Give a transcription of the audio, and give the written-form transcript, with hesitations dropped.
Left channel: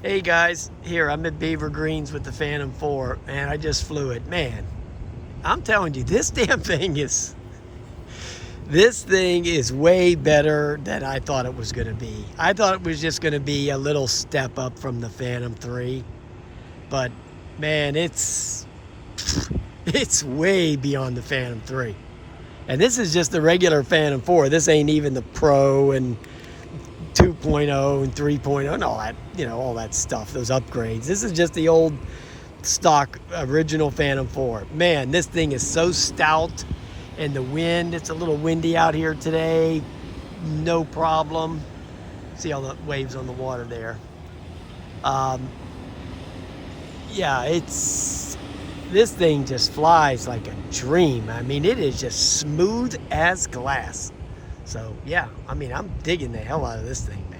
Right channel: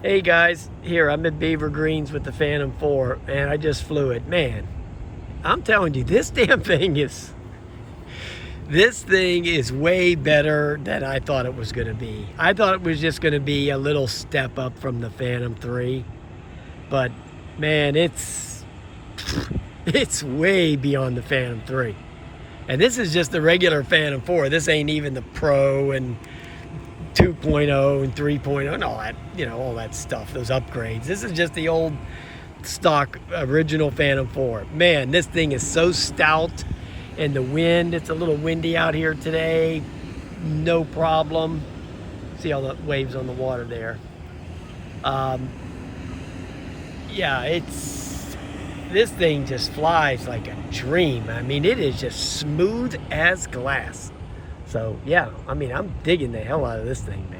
Hey guys, here I'm at Beaver Greens with the Phantom 4 and I just flew it. Man, I'm telling you, this thing is way better than I thought it was gonna be. I thought it was just gonna be a little step up from the Phantom 3, but man, it's way beyond the Phantom 3. And this is just the regular Phantom 4. This ain't even the Pro and 2.0 and 3.0 and all that, all that stuff, those upgrades. This is just the old stock original Phantom 4. Man, this thing is so stout, and the wind, it's a little windy out here today, no problem. See all the waves on the water there. Yeah, this thing just flies like a dream. I mean, it is just smooth as glass. So yeah, I mean, I'm digging the hell out of this thing, man.